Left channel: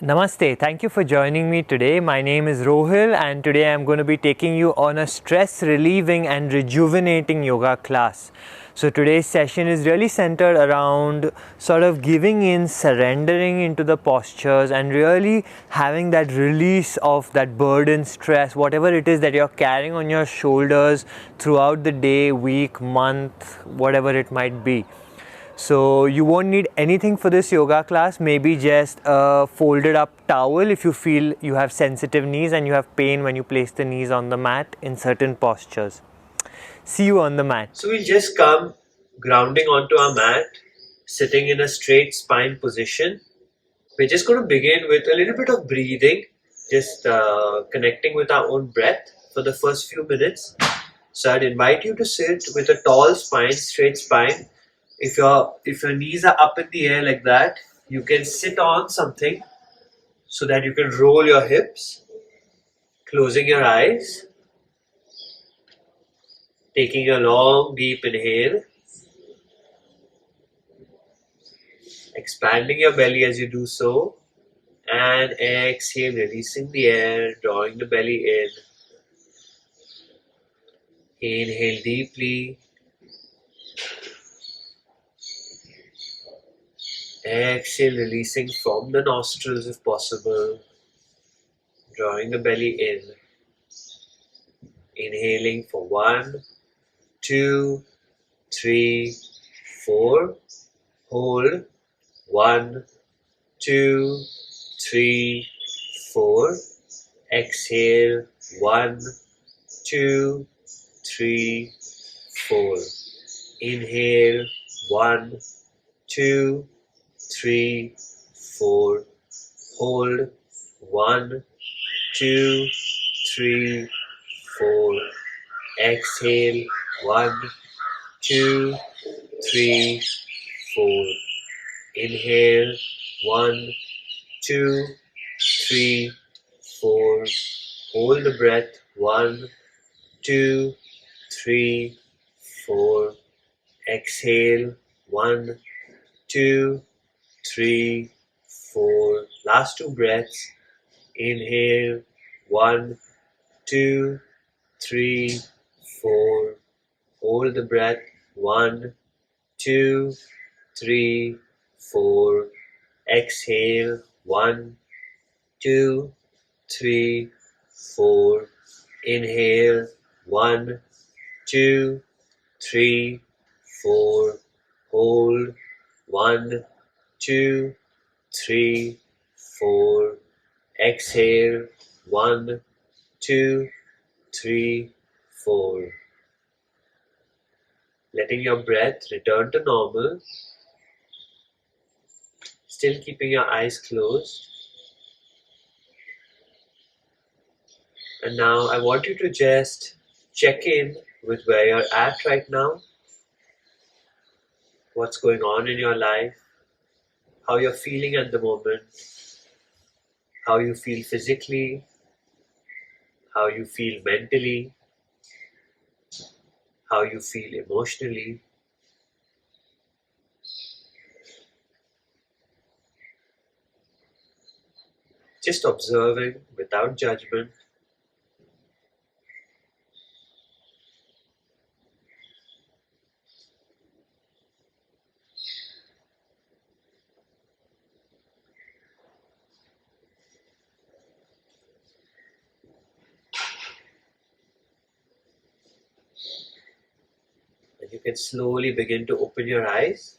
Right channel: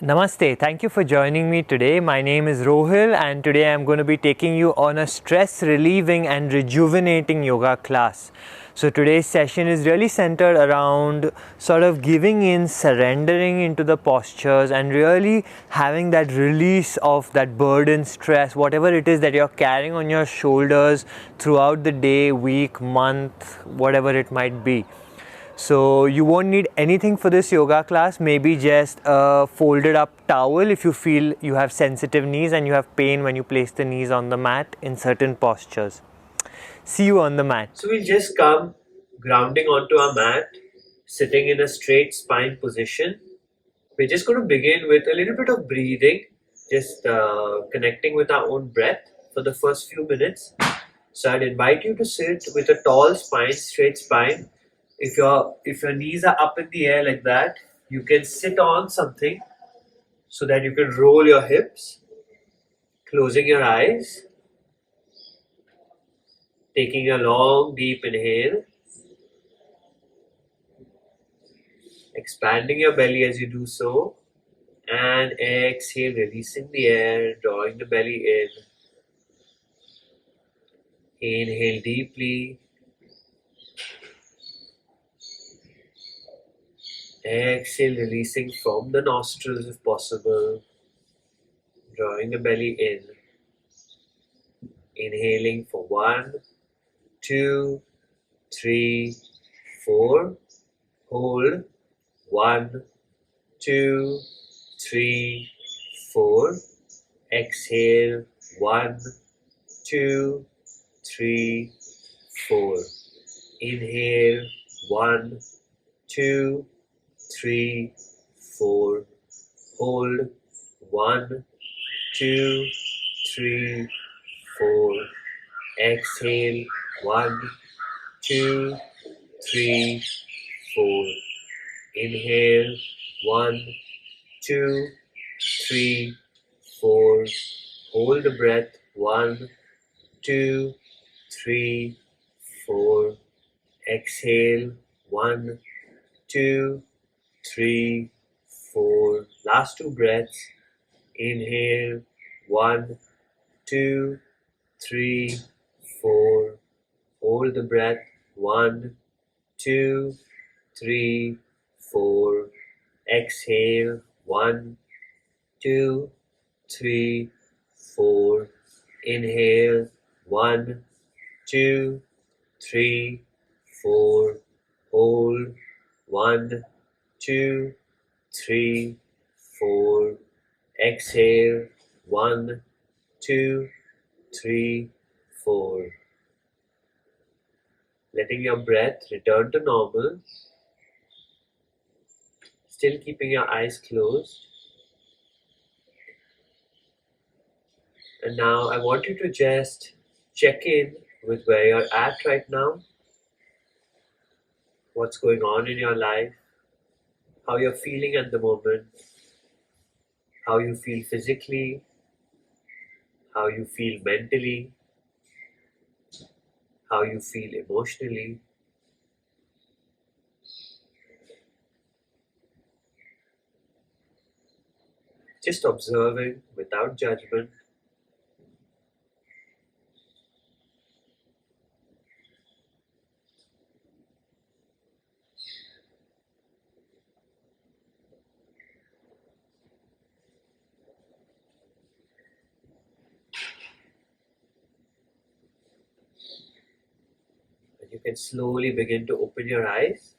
Namaste, thank you for joining me today. My name is Rohil, and today I'm going to be taking you on a stress relieving and rejuvenating yoga class. So, today's session is really centered around sort of giving in, surrendering into the postures, and really having that release of that burden, stress, whatever it is that you're carrying on your shoulders throughout the day, week, month, whatever it might be. So you won't need anything for this yoga class, maybe just a folded up towel if you feel you have sensitive knees and you have pain when you place the knees on the mat in certain postures. See you on the mat. So we'll just come grounding onto our mat, sitting in a straight spine position. We're just going to begin with a little bit of breathing, just connecting with our own breath for the first few minutes. So I'd invite you to sit with a tall spine, straight spine. If your knees are up in the air like that, you can sit on something so that you can roll your hips, closing your eyes, taking a long deep inhale, expanding your belly as you do so, and exhale, releasing the air, drawing the belly in. Inhale deeply. Exhale, releasing from the nostrils if possible, drawing the belly in. Inhaling for 1, 2, 3, 4. Hold. 1, 2, 3, 4. Exhale. 1, 2, 3, 4. Inhale. 1, 2, 3, 4. Hold. 1, 2, 3, 4. Exhale. 1, 2, 3, 4. Inhale. 1, 2, 3, 4. Hold the breath. 1, 2, 3, 4. Exhale. 1, 2, 3, 4. Last 2 breaths. Inhale. 1, 2, 3, 4. Hold the breath. 1, 2, 3, 4. Exhale. 1, 2, 3, 4. Inhale. 1, 2, 3, 4. Hold. 1, 2, 3, 4. Exhale. 1, 2, 3, 4. Letting your breath return to normal. Still keeping your eyes closed. And now I want you to just check in with where you're at right now. What's going on in your life. How you're feeling at the moment. How you feel physically. How you feel mentally. How you feel emotionally. Just observing without judgment. And you can slowly begin to open your eyes.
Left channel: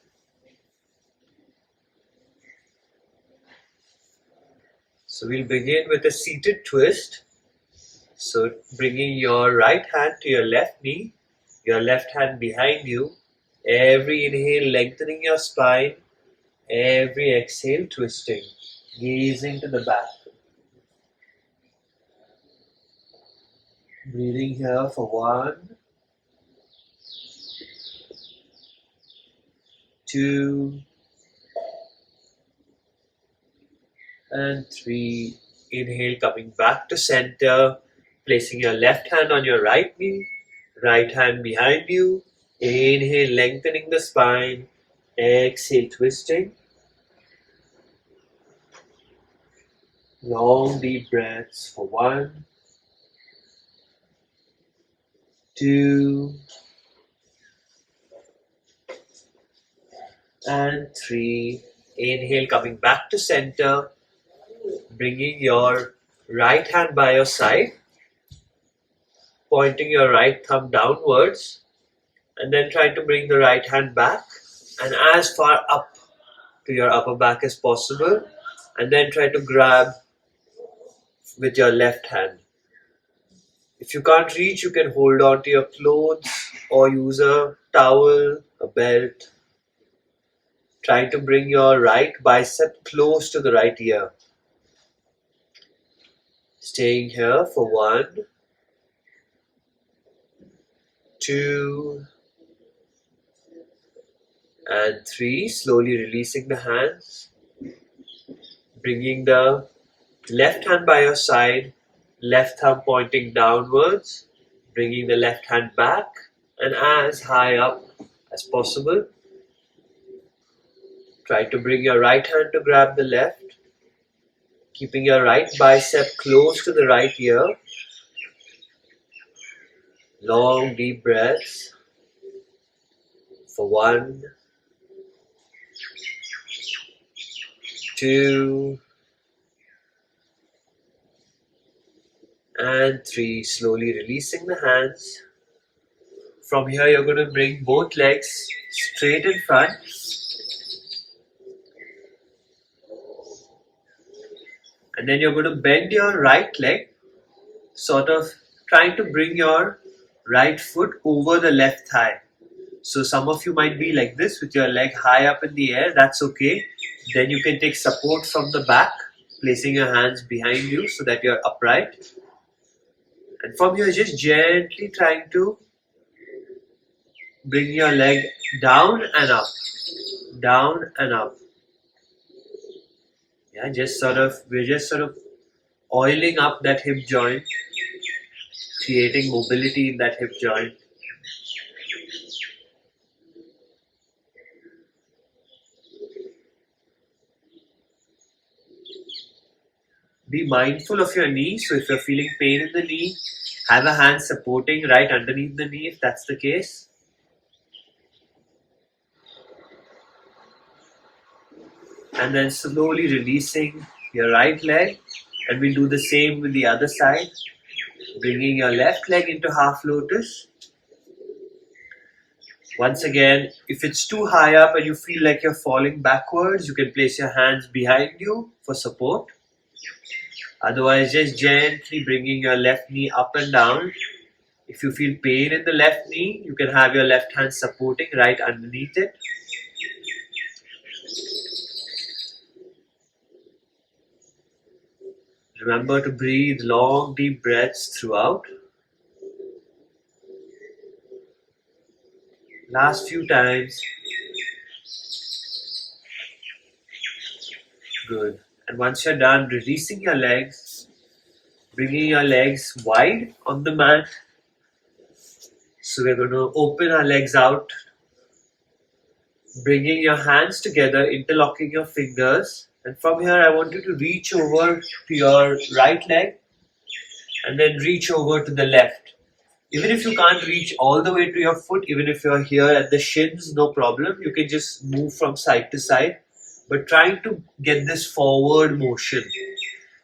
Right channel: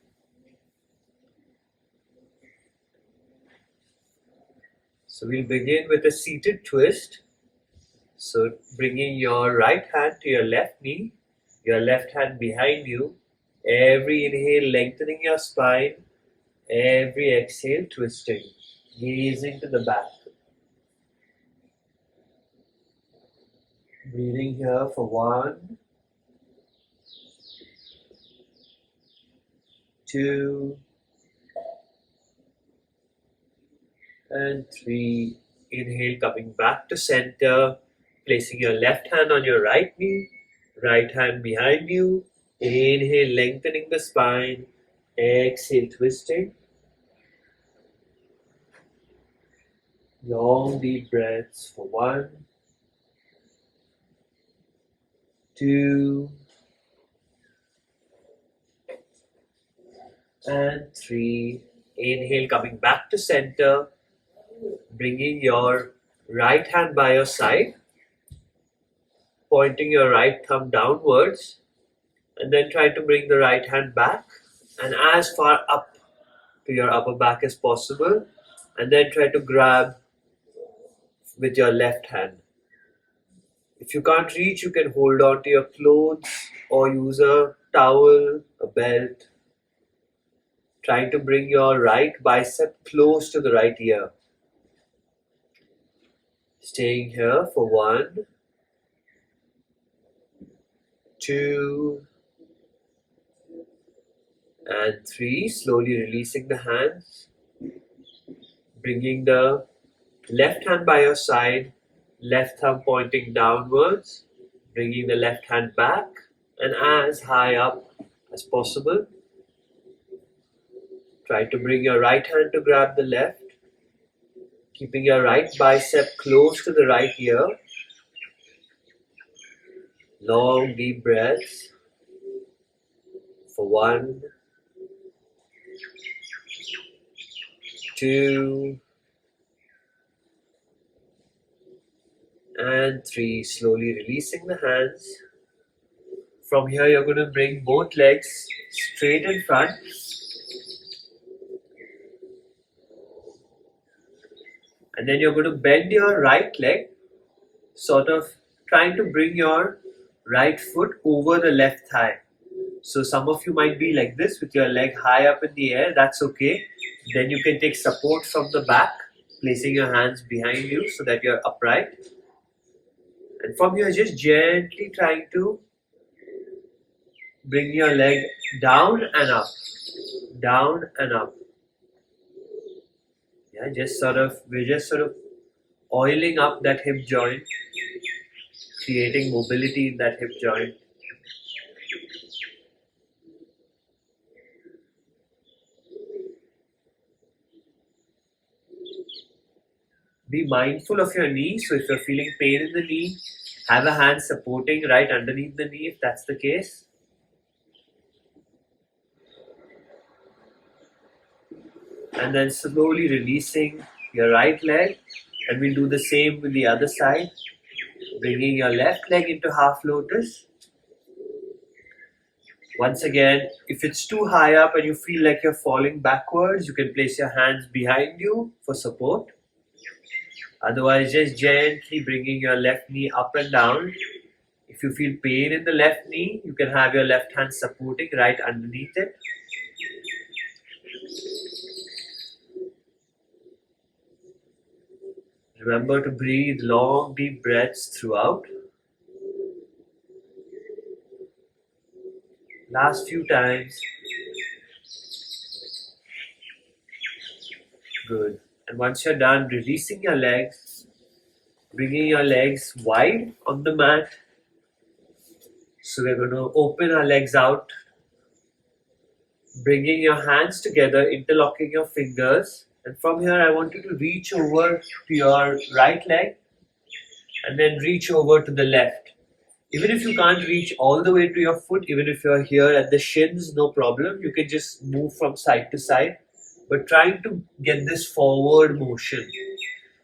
So we'll begin with a seated twist. So bringing your right hand to your left knee, your left hand behind you. Every inhale, lengthening your spine. Every exhale, twisting, gazing to the back. Breathing here for 1, 2, and 3. Inhale, coming back to center, placing your left hand on your right knee, right hand behind you. Inhale, lengthening the spine. Exhale, twisting. Long deep breaths for 1, 2, and 3. Inhale, coming back to center, bringing your right hand by your side, pointing your right thumb downwards, and then try to bring the right hand back and as far up to your upper back as possible, and then try to grab with your left hand. If you can't reach, you can hold on to your clothes or use a towel, a belt. Try to bring your right bicep close to the right ear. Staying here for 1, 2, and 3. Slowly releasing the hands. Bringing the left hand by your side, left thumb pointing downwards. Bringing the left hand back and as high up as possible. Try to bring your right hand to grab the left, keeping your right bicep close to the right ear. Long deep breaths for 1, 2, and 3. Slowly releasing the hands. From here, you're going to bring both legs straight in front. And then you're going to bend your right leg, sort of trying to bring your right foot over the left thigh. So some of you might be like this with your leg high up in the air. That's okay. Then you can take support from the back, placing your hands behind you so that you're upright. And from here, just gently trying to bring your leg down and up, down and up. Yeah, we're just sort of oiling up that hip joint, creating mobility in that hip joint. Be mindful of your knee. So if you're feeling pain in the knee, have a hand supporting right underneath the knee if that's the case. And then slowly releasing your right leg, and we'll do the same with the other side. Bringing your left leg into half lotus. Once again, if it's too high up and you feel like you're falling backwards, you can place your hands behind you for support. Otherwise, just gently bringing your left knee up and down. If you feel pain in the left knee, you can have your left hand supporting right underneath it. Remember to breathe long, deep breaths throughout. Last few times. Good. And once you're done, releasing your legs, bringing your legs wide on the mat. So we're going to open our legs out, bringing your hands together, interlocking your fingers. And from here, I want you to reach over to your right leg and then reach over to the left. Even if you can't reach all the way to your foot, even if you're here at the shins, no problem. You can just move from side to side, but trying to get this forward motion.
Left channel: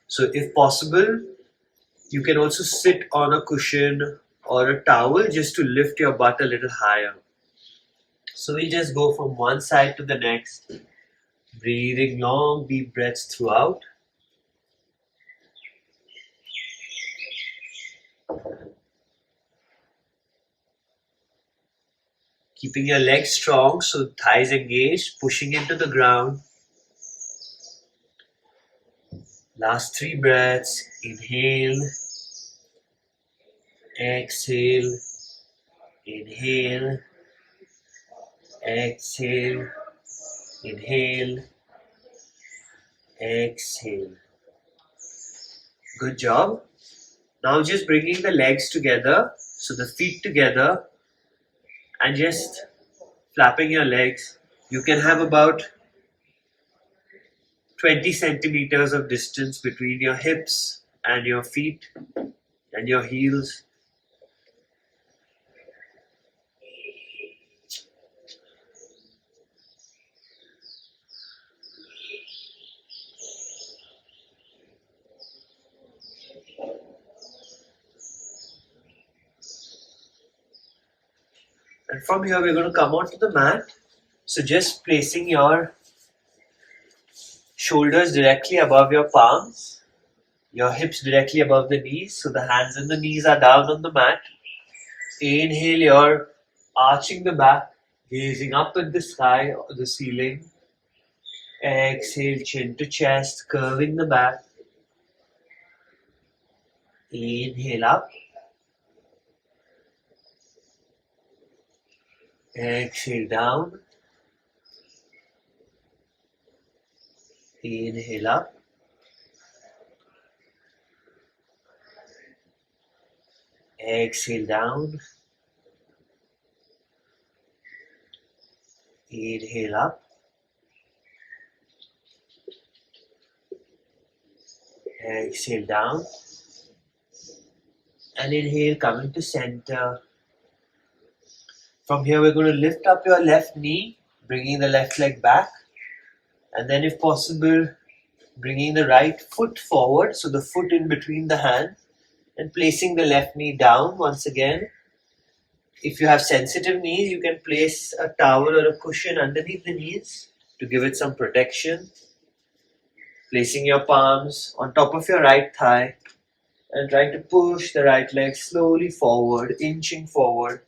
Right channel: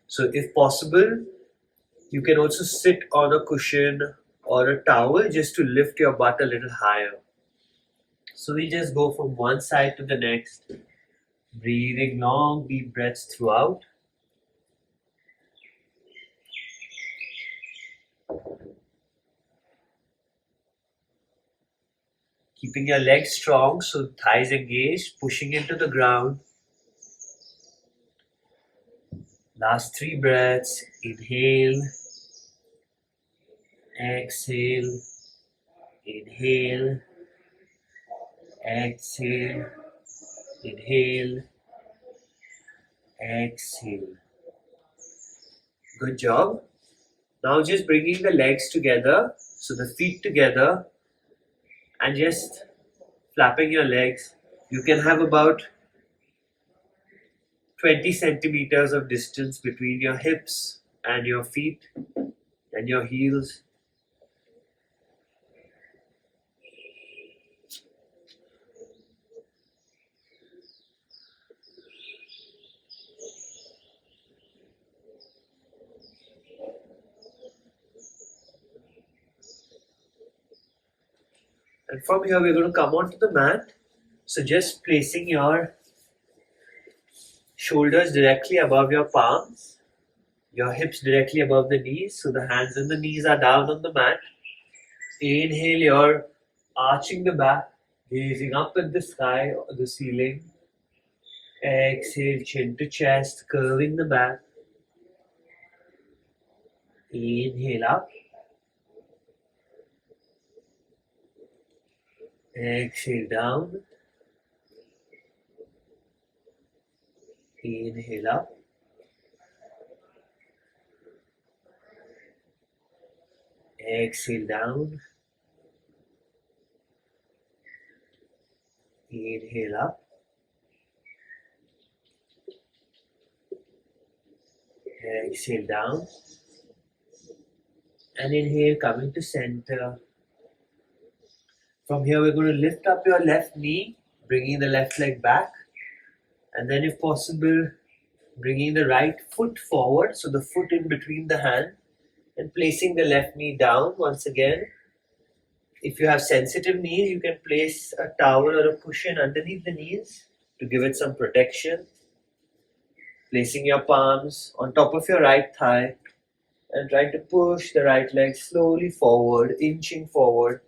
So if possible, you can also sit on a cushion or a towel just to lift your butt a little higher. So we just go from one side to the next, breathing long, deep breaths throughout. Keeping your legs strong, so thighs engaged, pushing into the ground. Last 3 breaths. Inhale, exhale, inhale, exhale, inhale, exhale. Good job. Now just bringing the legs together, so the feet together, and just flapping your legs. You can have about 20 centimeters of distance between your hips and your feet and your heels. And from here, we're going to come onto the mat. So just placing your shoulders directly above your palms, your hips directly above the knees. So the hands and the knees are down on the mat. Inhale, you're arching the back, gazing up at the sky or the ceiling. Exhale, chin to chest, curving the back. Inhale up. Exhale down. Inhale up. Exhale down. Inhale up. Exhale down. And inhale, coming to center. From here, we're going to lift up your left knee, bringing the left leg back. And then if possible, bringing the right foot forward, so the foot in between the hand, and placing the left knee down once again. If you have sensitive knees, you can place a towel or a cushion underneath the knees to give it some protection. Placing your palms on top of your right thigh and trying to push the right leg slowly forward, inching forward.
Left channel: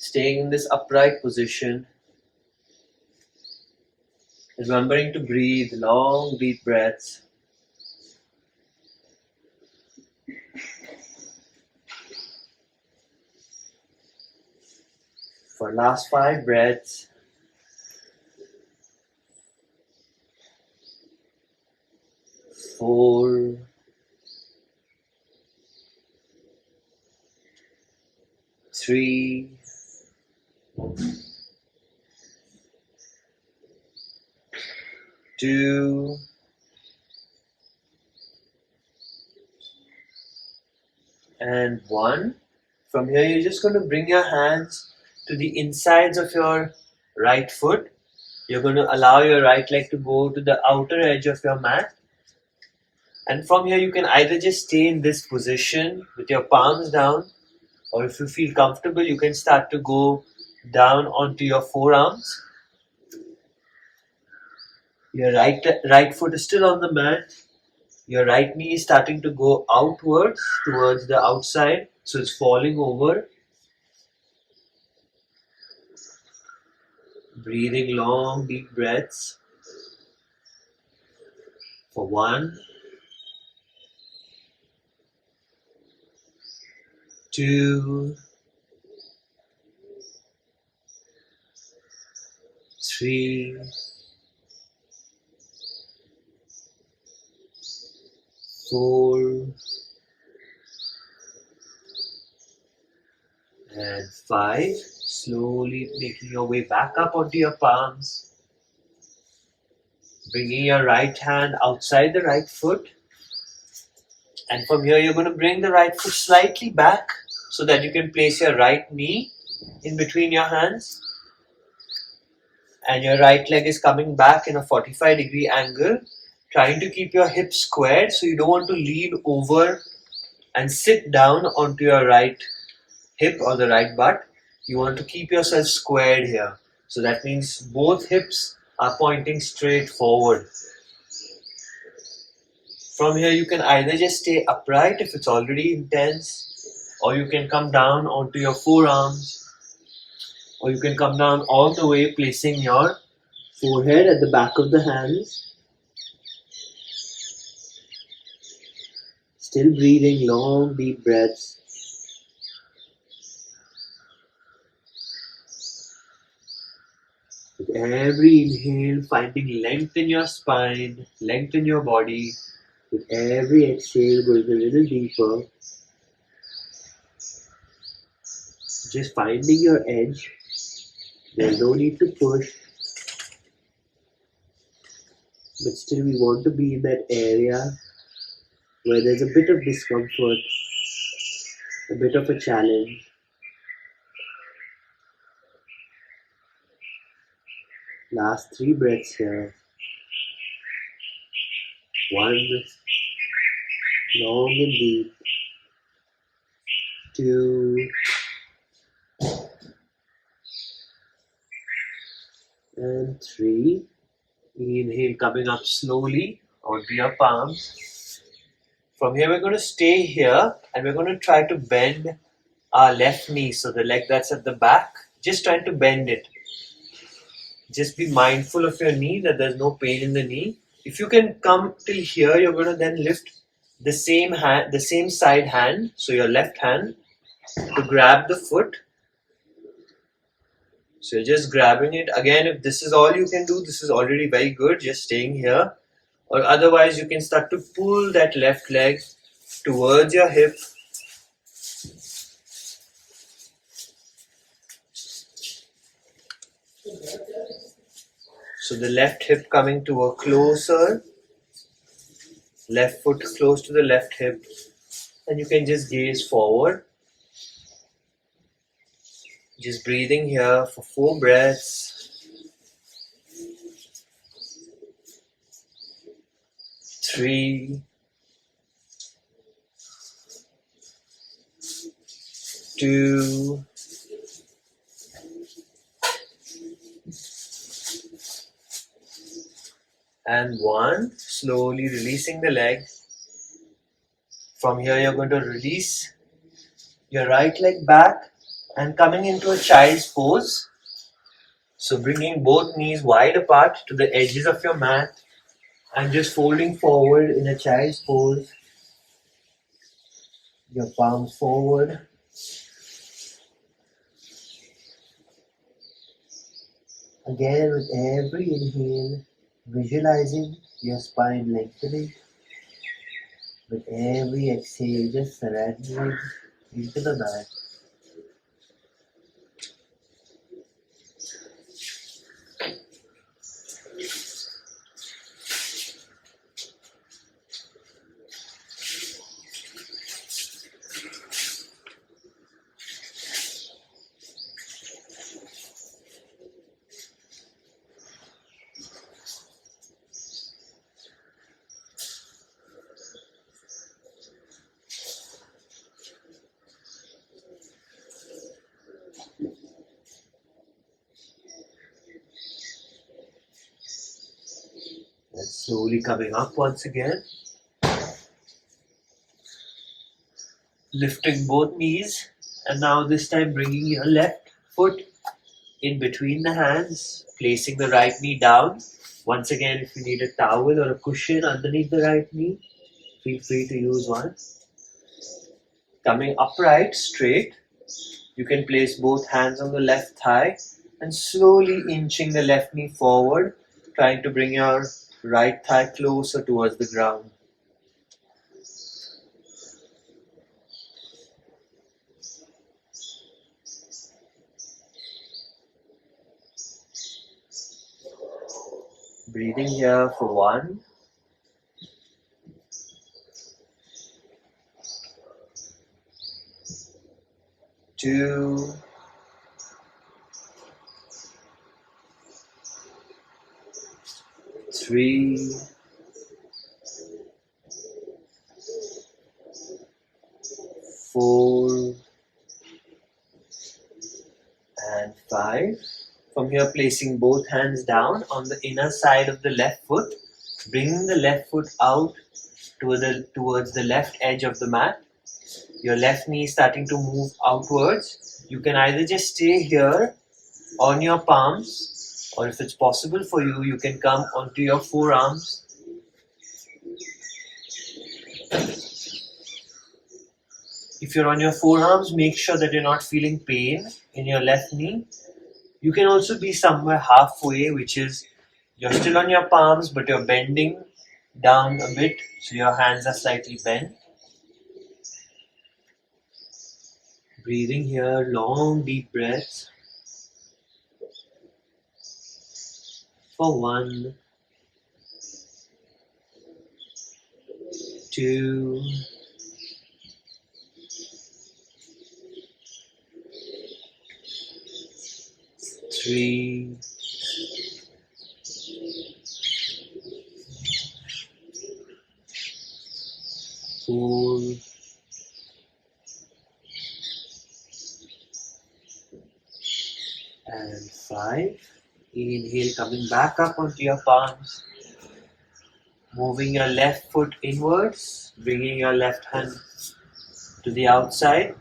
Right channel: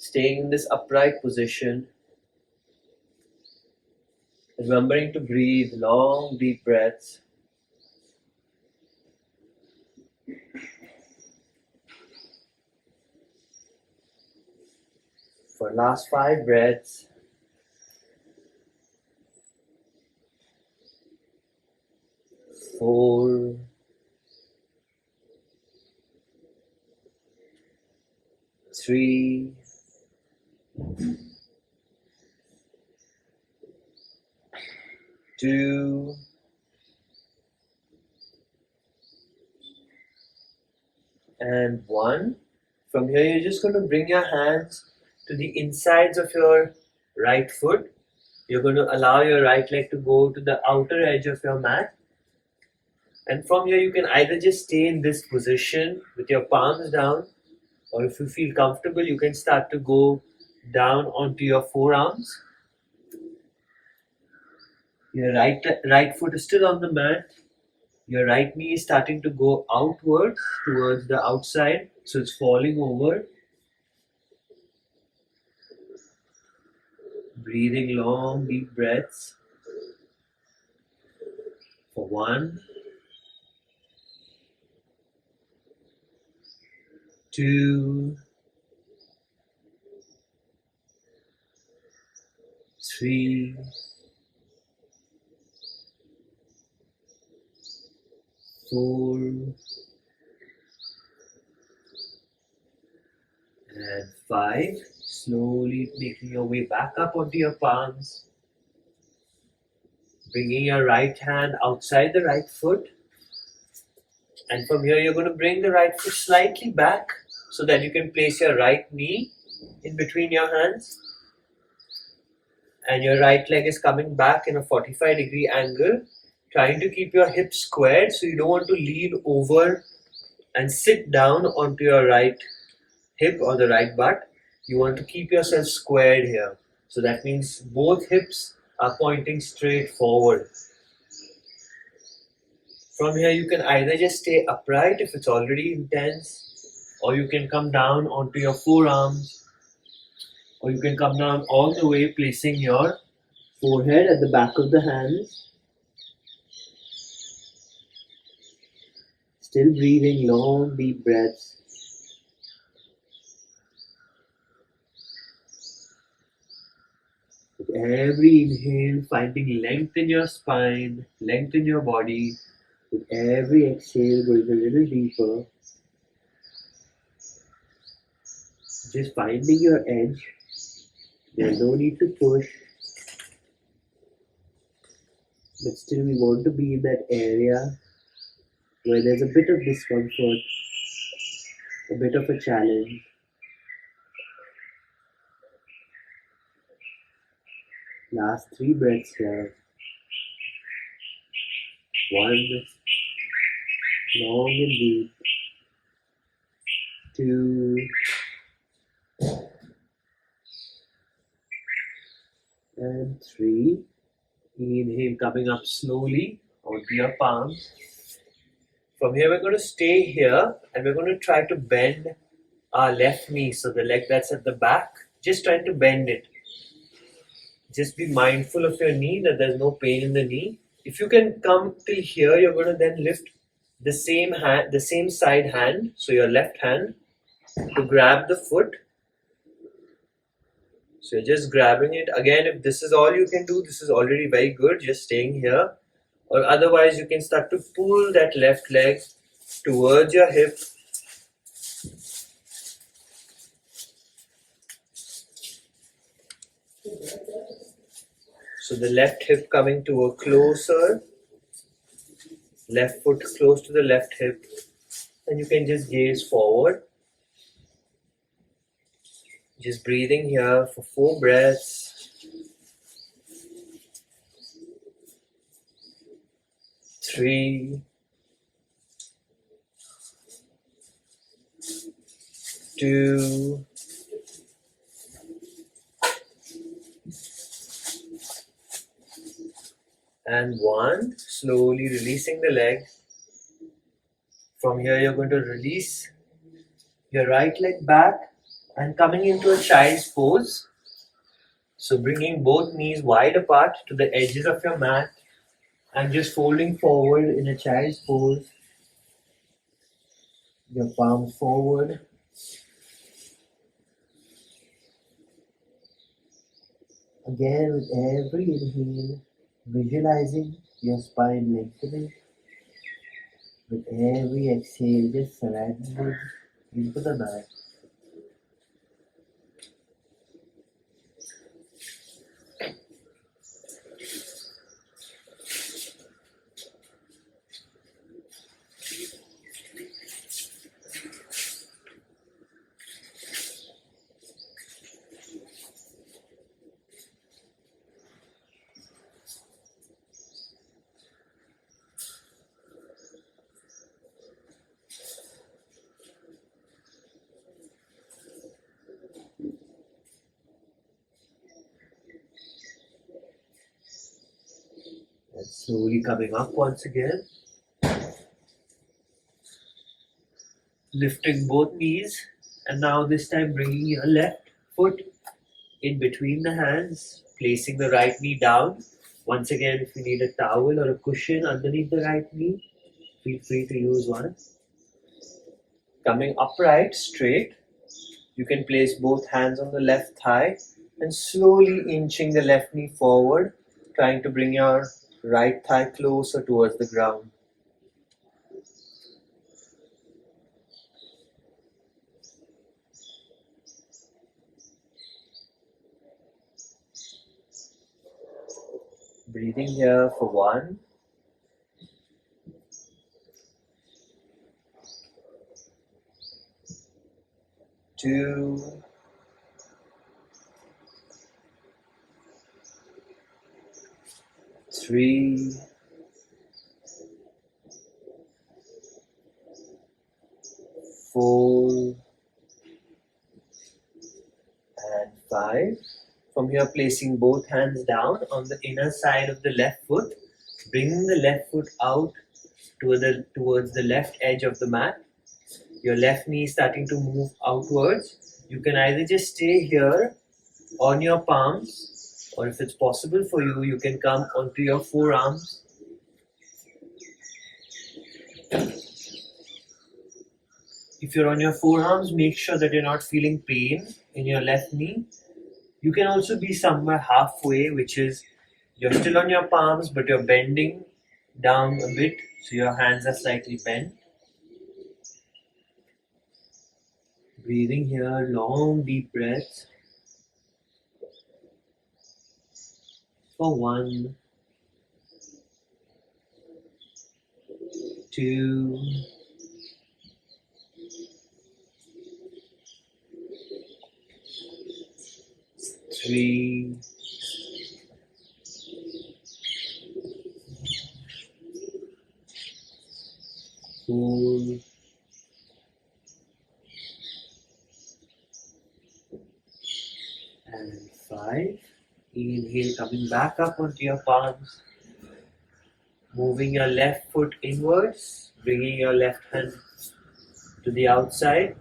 Staying in this upright position. Remembering to breathe long, deep breaths. For last 5 breaths. 4. 3. 2. And 1. From here, you're just going to bring your hands to the insides of your right foot. You're going to allow your right leg to go to the outer edge of your mat. And from here, you can either just stay in this position with your palms down, or if you feel comfortable, you can start to go down onto your forearms. Your right foot is still on the mat. Your right knee is starting to go outwards towards the outside, so it's falling over. Breathing long, deep breaths. For 1, 2, 3, 4, and 5. Slowly making your way back up onto your palms. Bringing your right hand outside the right foot. And from here, you're going to bring the right foot slightly back so that you can place your right knee in between your hands. And your right leg is coming back in a 45-degree angle, trying to keep your hips squared, so you don't want to lean over and sit down onto your right hip or the right butt. You want to keep yourself squared here. So that means both hips are pointing straight forward. From here, you can either just stay upright if it's already intense, or you can come down onto your forearms, or you can come down all the way, placing your forehead at the back of the hands. Still breathing long, deep breaths. With every inhale, finding length in your spine, length in your body. With every exhale, going a little deeper. Just finding your edge. There's no need to push. but still we want to be in that area where there's a bit of discomfort, a bit of a challenge. Last 3 breaths here. 1, long and deep. 2, and 3. Inhale, coming up slowly onto your palms. From here, we're going to stay here and we're going to try to bend our left knee. So the leg that's at the back, just trying to bend it. Just be mindful of your knee, that there's no pain in the knee. If you can come till here, you're going to then lift the same hand, the same side hand, so your left hand, to grab the foot. So you're just grabbing it. Again, if this is all you can do, this is already very good, just staying here. Or otherwise, you can start to pull that left leg towards your hip. So the left hip coming to a closer, left foot close to the left hip, and you can just gaze forward. Just breathing here for 4 breaths. 3, 2, and 1. Slowly releasing the leg. From here, you're going to release your right leg back and coming into a child's pose. So bringing both knees wide apart to the edges of your mat and just folding forward in a child's pose. Your palms forward. Again, with every inhale, visualizing your spine lengthening. With every exhale, just surrendering into the mat. And slowly coming up once again. Lifting both knees, and now this time bringing your left foot in between the hands, placing the right knee down. Once again, if you need a towel or a cushion underneath the right knee, feel free to use one. Coming upright, straight, you can place both hands on the left thigh and slowly inching the left knee forward, trying to bring your right thigh closer towards the ground. Breathing here for 1, 2, 3, 4, and 5. From here, placing both hands down on the inner side of the left foot, bringing the left foot out towards the left edge of the mat. Your left knee starting to move outwards. You can either just stay here on your palms, or if it's possible for you, you can come onto your forearms. If you're on your forearms, make sure that you're not feeling pain in your left knee. You can also be somewhere halfway, which is you're still on your palms, but you're bending down a bit, so your hands are slightly bent. Breathing here, long deep breaths. For 1, 2, 3, 4, and 5. Inhale, coming back up onto your palms. Moving your left foot inwards, bringing your left hand to the outside.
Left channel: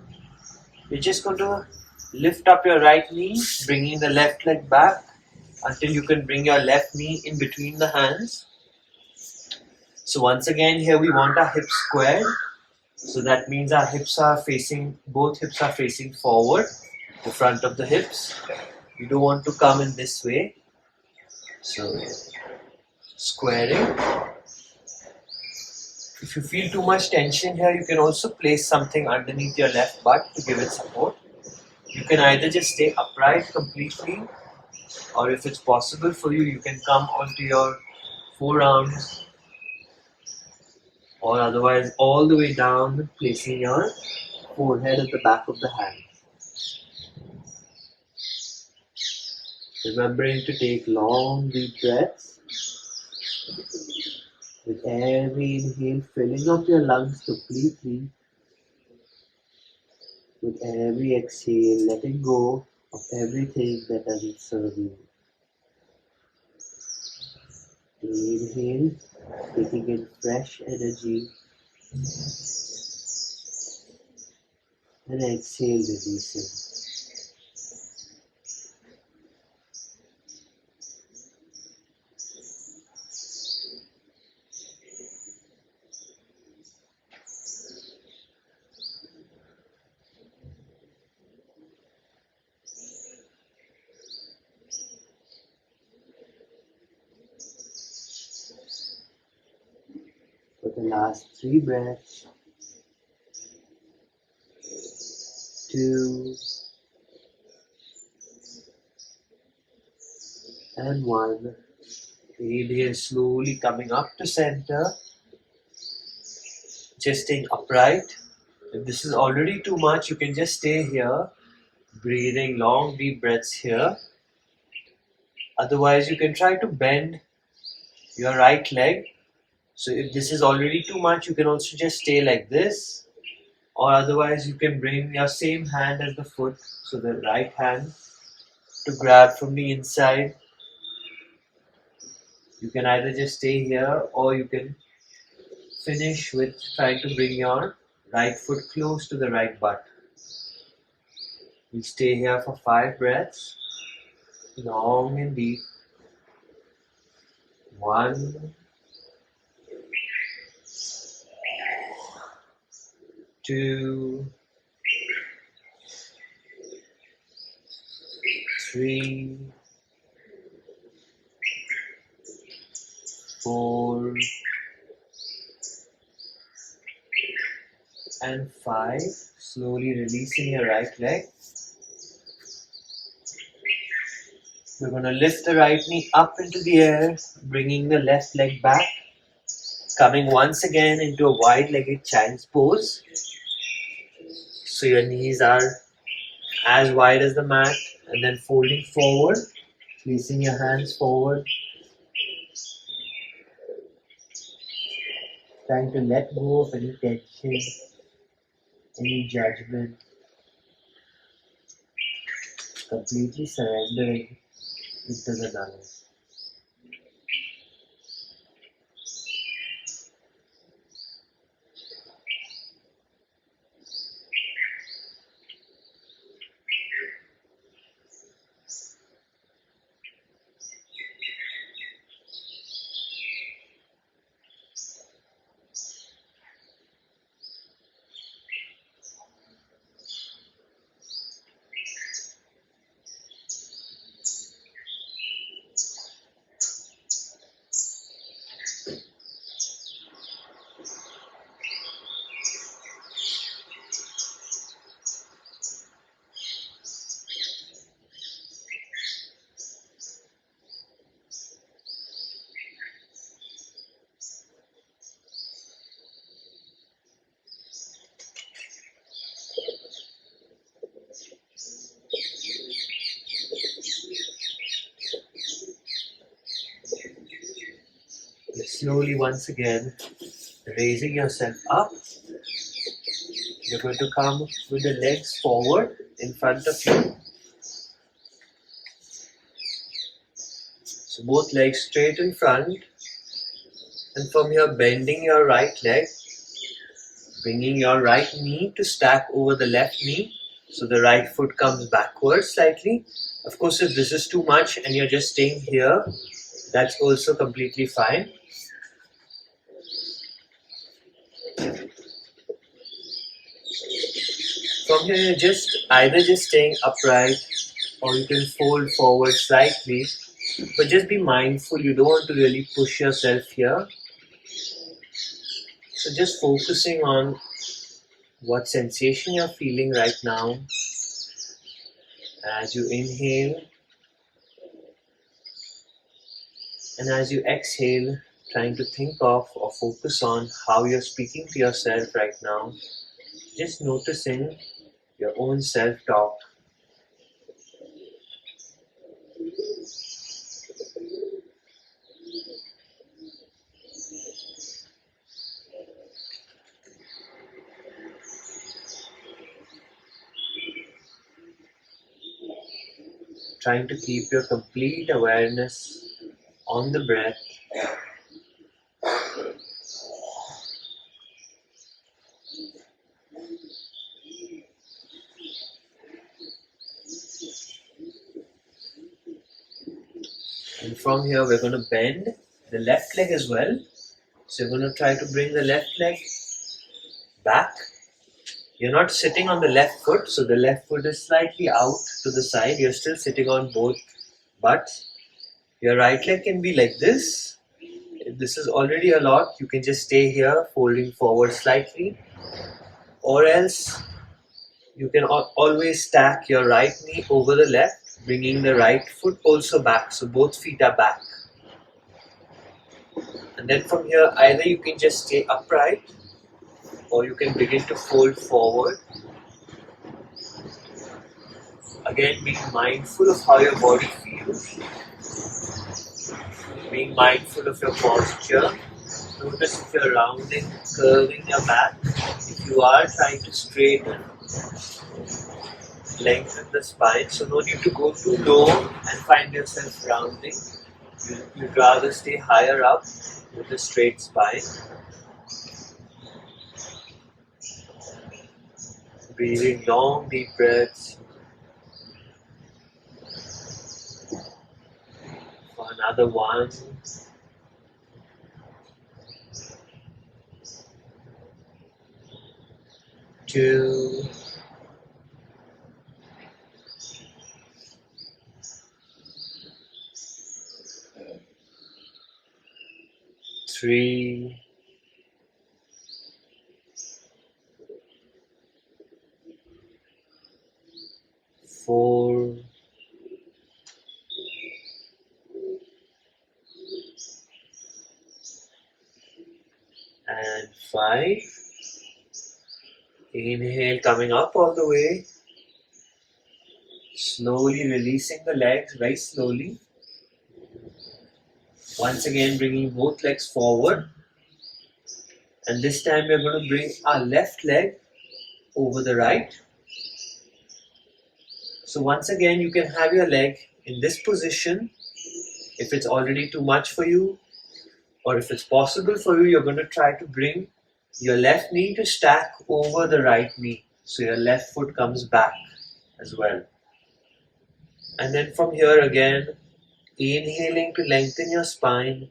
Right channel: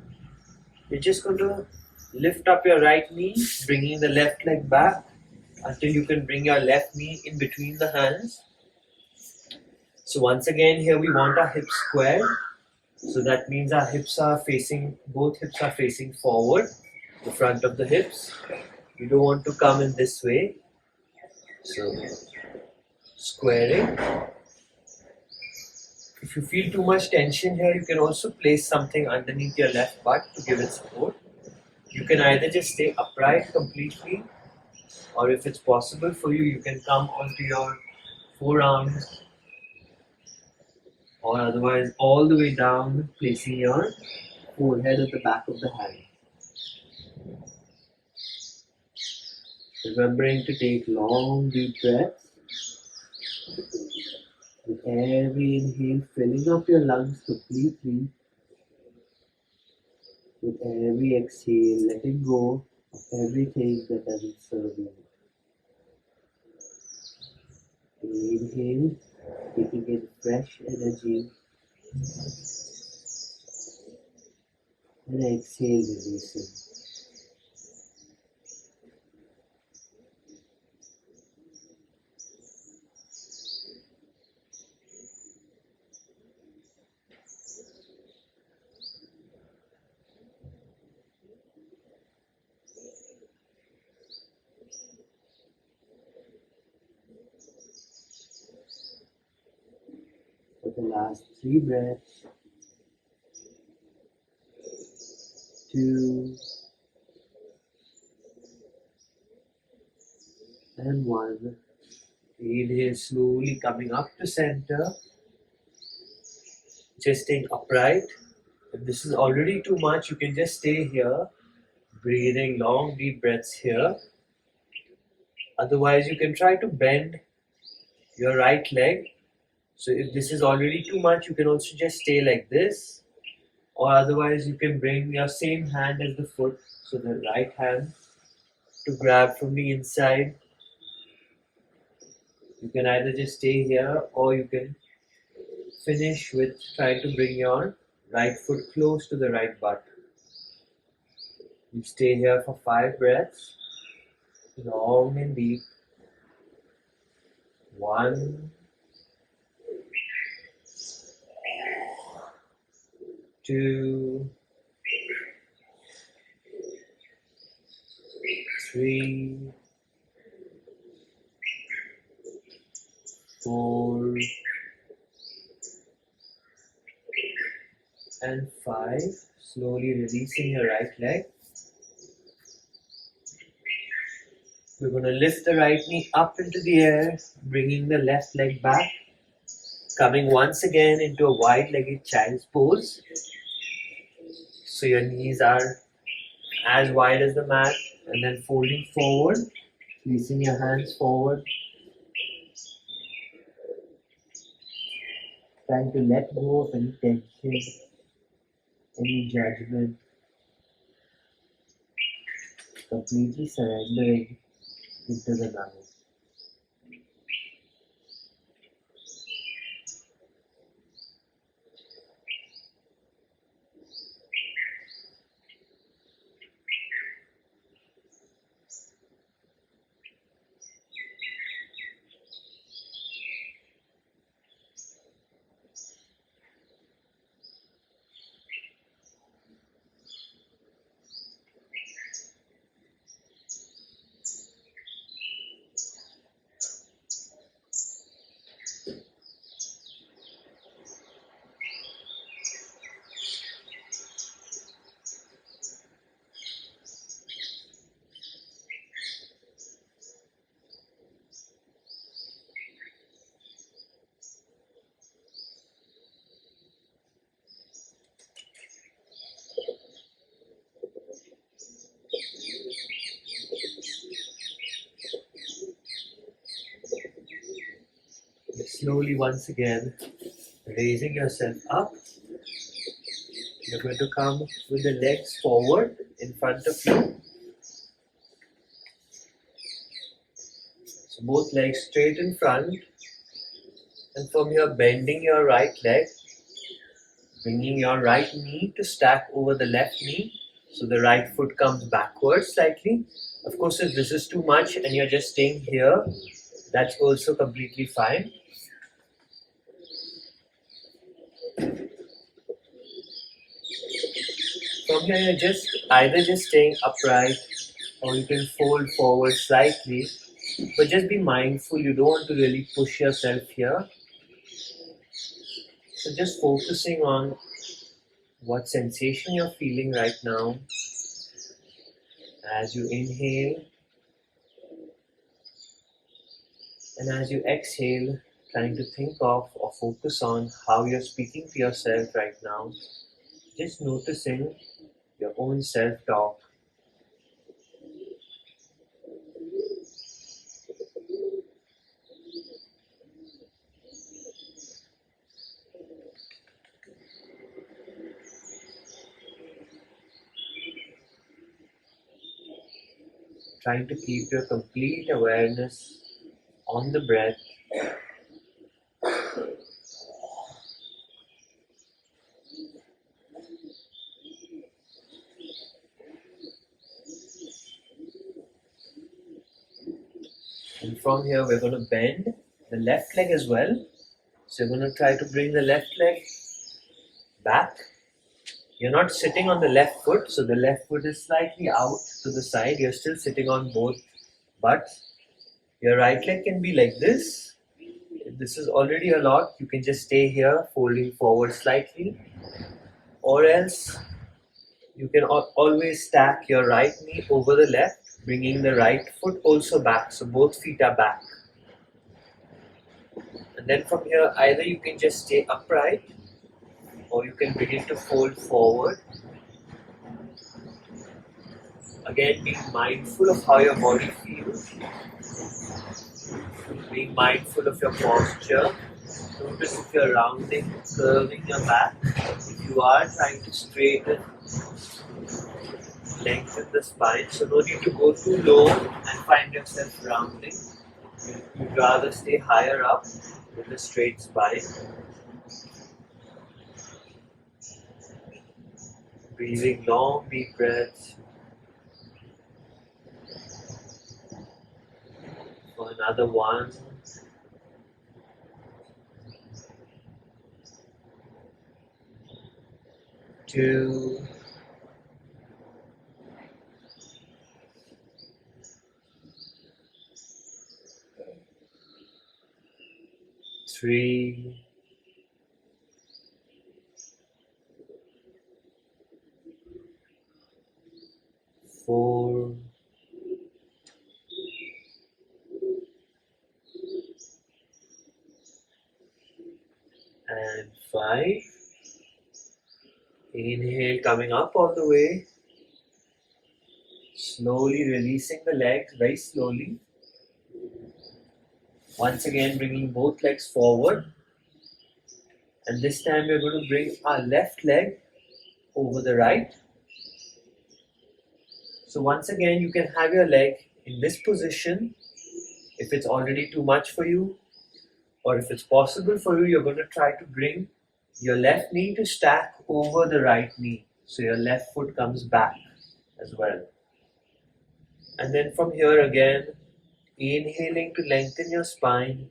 You're just going to lift up your right knee, bringing the left leg back until you can bring your left knee in between the hands. So once again, here we want our hips squared. So that means our hips are facing, both hips are facing forward, the front of the hips. You don't want to come in this way. So squaring. If you feel too much tension here, you can also place something underneath your left butt to give it support. You can either just stay upright completely, or if it's possible for you, you can come onto your forearms, or otherwise all the way down, placing your forehead at the back of the hand. Remembering to take long deep breaths. With every inhale, filling up your lungs completely. With every exhale, letting go of everything that doesn't serve you. Inhale, taking in fresh energy. And exhale, releasing. For the last 3 breaths, 2, and 1. Inhale, slowly coming up to center, just staying upright. If this is already too much, you can just stay here, breathing long deep breaths here. Otherwise, you can try to bend your right leg. So if this is already too much, you can also just stay like this. Or otherwise, you can bring your same hand as the foot, so the right hand to grab from the inside. You can either just stay here, or you can finish with trying to bring your right foot close to the right butt. We stay here for 5 breaths, long and deep. 1, 2, 3, 4, and 5. Slowly releasing your right leg. We're going to lift the right knee up into the air, bringing the left leg back, coming once again into a wide-legged child's pose. So your knees are as wide as the mat, and then folding forward, placing your hands forward, trying to let go of any tension, any judgment, completely surrendering into the now. Slowly once again, raising yourself up. You're going to come with the legs forward in front of you. So both legs straight in front. And from here, bending your right leg, bringing your right knee to stack over the left knee. So the right foot comes backwards slightly. Of course, if this is too much and you're just staying here, that's also completely fine. From here, you're either just staying upright or you can fold forward slightly. But just be mindful, you don't want to really push yourself here. So just focusing on what sensation you're feeling right now as you inhale. And as you exhale, trying to think of or focus on how you're speaking to yourself right now. Just noticing your own self-talk. Trying to keep your complete awareness on the breath. And from here, we're going to bend the left leg as well. So you're going to try to bring the left leg back. You're not sitting on the left foot, so the left foot is slightly out to the side. You're still sitting on both butts. Your right leg can be like this. If this is already a lot, you can just stay here, folding forward slightly. Or else, you can always stack your right knee over the left, bringing the right foot also back. So both feet are back. And then from here, either you can just stay upright or you can begin to fold forward. Again, being mindful of how your body feels. Being mindful of your posture. Notice if you're rounding, curving your back. If you are trying to straighten, lengthen the spine. So no need to go too low and find yourself rounding. You'd rather stay higher up with a straight spine. Breathing long, deep breaths. For another 1. 2. 3. 4. And 5. Inhale, coming up all the way. Slowly releasing the legs, very slowly. Once again, bringing both legs forward. And this time we're going to bring our left leg over the right. So once again, you can have your leg in this position. If it's already too much for you, or if it's possible for you, you're going to try to bring your left knee to stack over the right knee. So your left foot comes back as well. And then from here again, inhaling to lengthen your spine,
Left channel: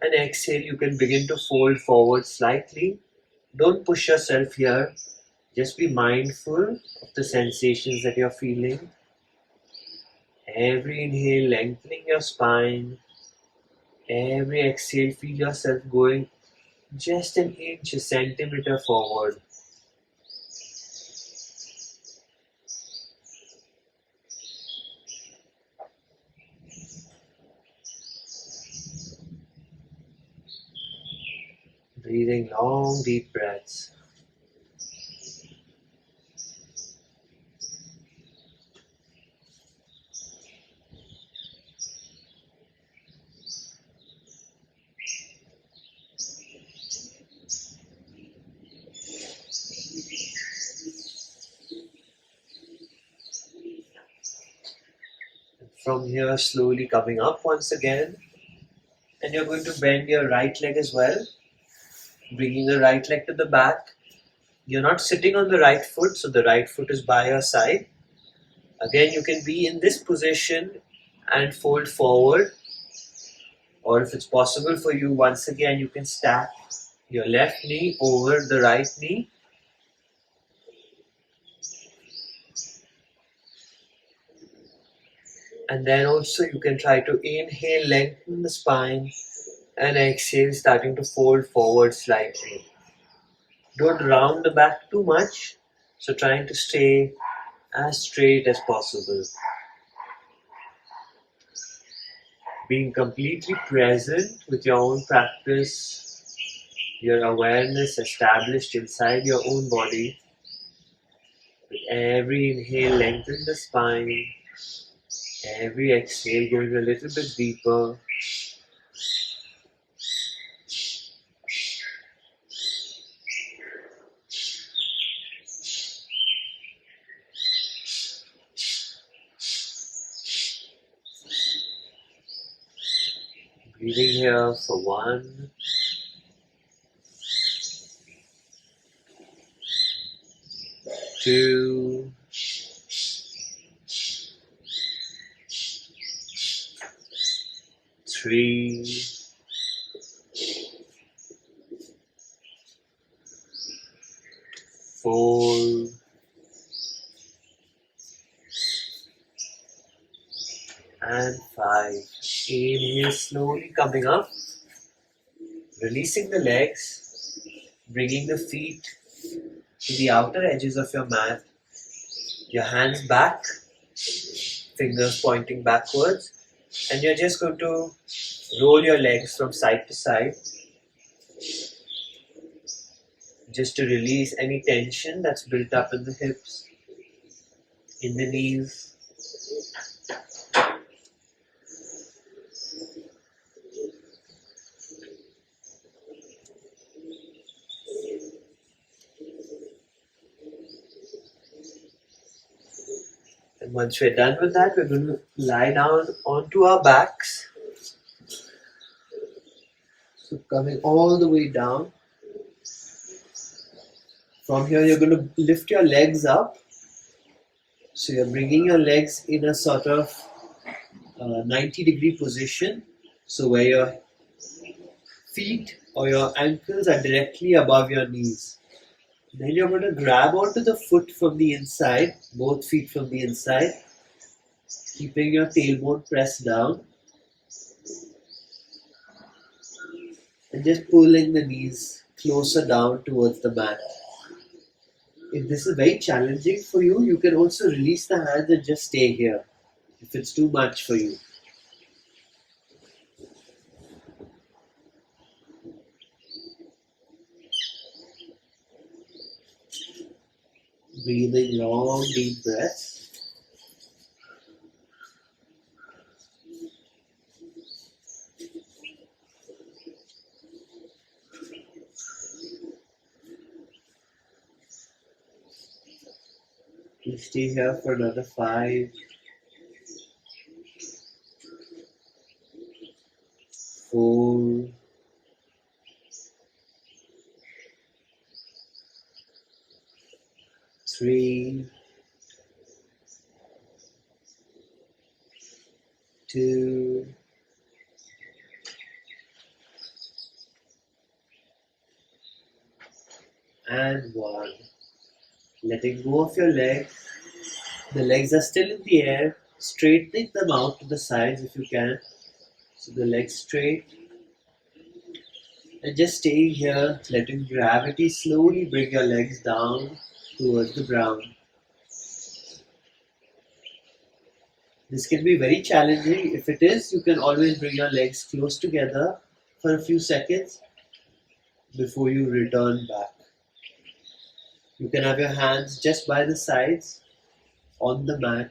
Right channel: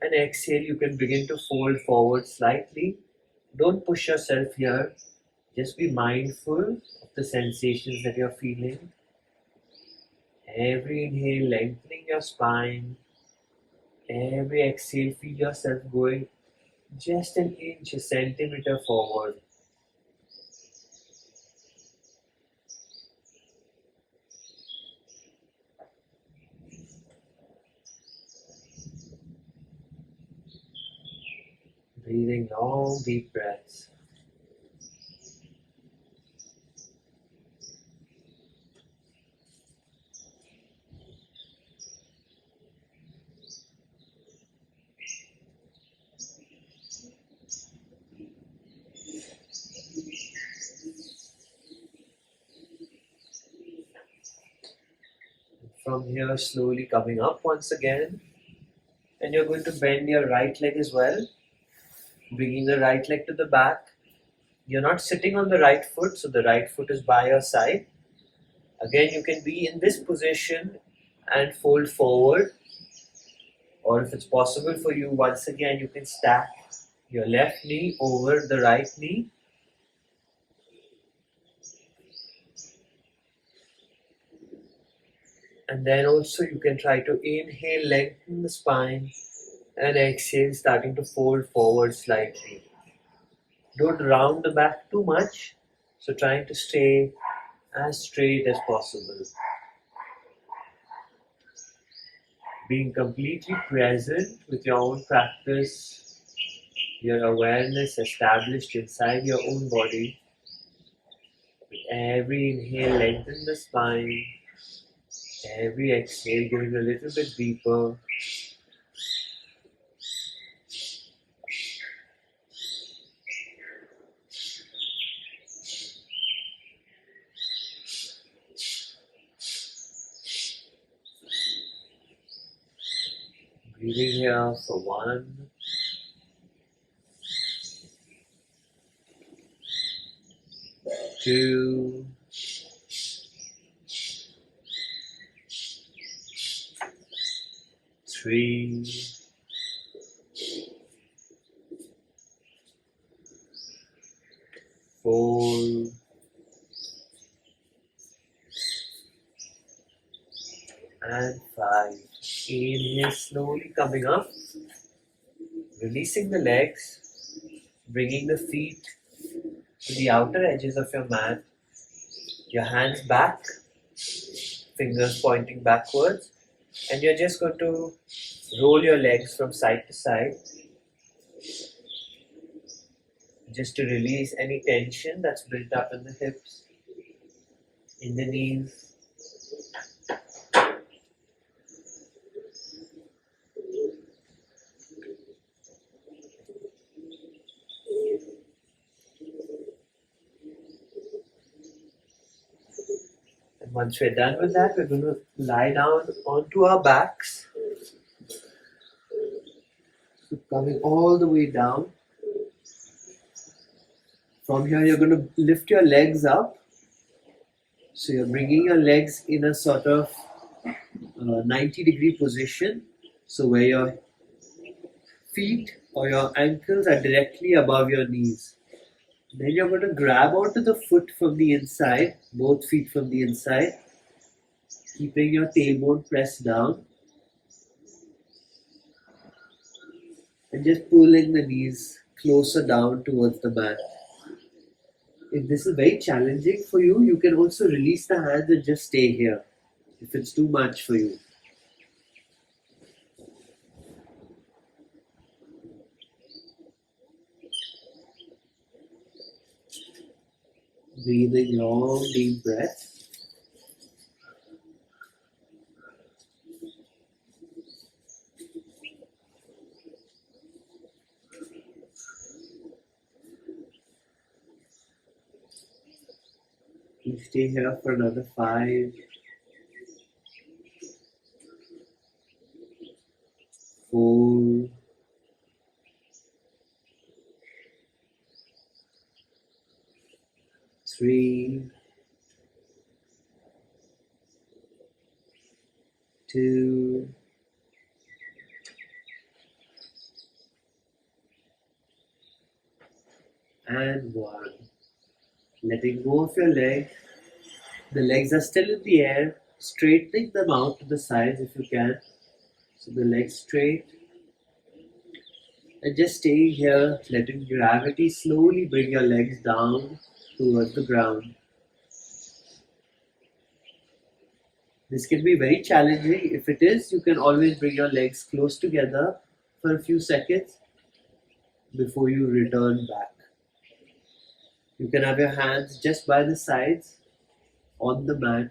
and exhale, you can begin to fold forward slightly. Don't push yourself here. Just be mindful of the sensations that you're feeling. Every inhale, lengthening your spine. Every exhale, feel yourself going just an inch, a centimeter forward. Breathing long, deep breaths. From here, slowly coming up once again. And you're going to bend your right leg as well, bringing the right leg to the back. You're not sitting on the right foot, so the right foot is by your side. Again, you can be in this position and fold forward, or if it's possible for you, once again you can stack your left knee over the right knee. And then also you can try to inhale, lengthen the spine, and exhale, starting to fold forward slightly. Don't round the back too much, so trying to stay as straight as possible. Being completely present with your own practice, your awareness established inside your own body. With every inhale, lengthen the spine. Every exhale, going a little bit deeper. Breathing here for 1, 2, 3, 4, and 5. Inhale, slowly coming up, releasing the legs, bringing the feet to the outer edges of your mat, your hands back, fingers pointing backwards, and you're just going to roll your legs from side to side, just to release any tension that's built up in the hips, in the knees. And once we're done with that, we're going to lie down onto our backs. So coming all the way down. From here, you're going to lift your legs up. So you're bringing your legs in a sort of 90-degree position. So where your feet or your ankles are directly above your knees. Then you're going to grab onto the foot from the inside, both feet from the inside, keeping your tailbone pressed down. And just pulling the knees closer down towards the mat. If this is very challenging for you, you can also release the hands and just stay here if it's too much for you. Breathing long, deep breaths. You stay here for another 5, 4, 3, 2, and 1. Letting go of your legs. The legs are still in the air. Straightening them out to the sides if you can. So the legs straight. And just staying here, letting gravity slowly bring your legs down towards the ground. This can be very challenging. If it is, you can always bring your legs close together for a few seconds before you return back. You can have your hands just by the sides on the mat.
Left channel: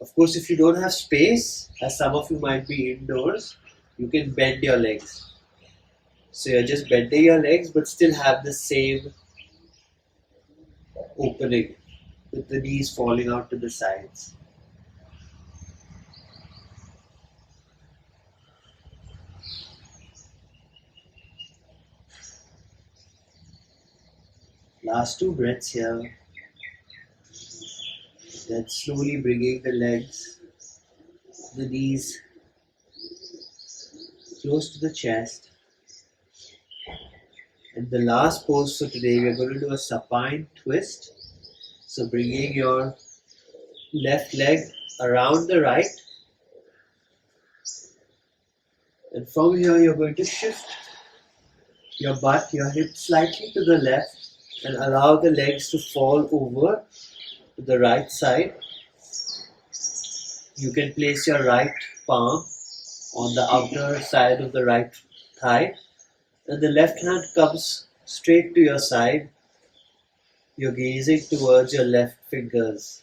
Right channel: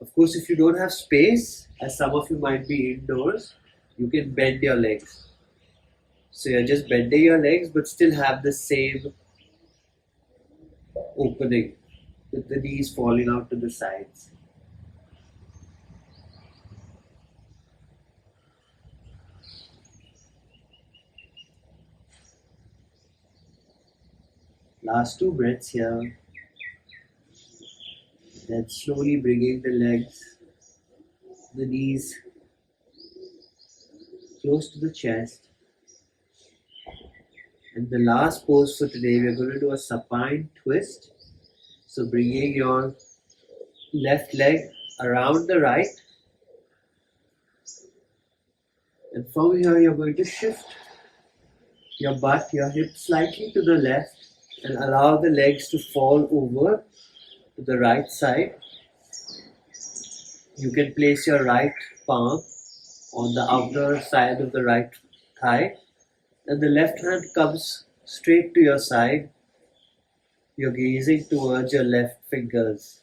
Of course, if you don't have space, as some of you might be indoors, you can bend your legs. So you're just bending your legs but still have the same opening. with the knees falling out to the sides. Last two breaths here. Then slowly bringing the legs, the knees close to the chest. And the last pose for today, we're going to do a supine twist. So bringing your left leg around the right. And from here, you're going to shift your butt, your hips slightly to the left and allow the legs to fall over to the right side. You can place your right palm on the outer side of the right thigh and the left hand comes straight to your side. You're gazing towards your left fingers.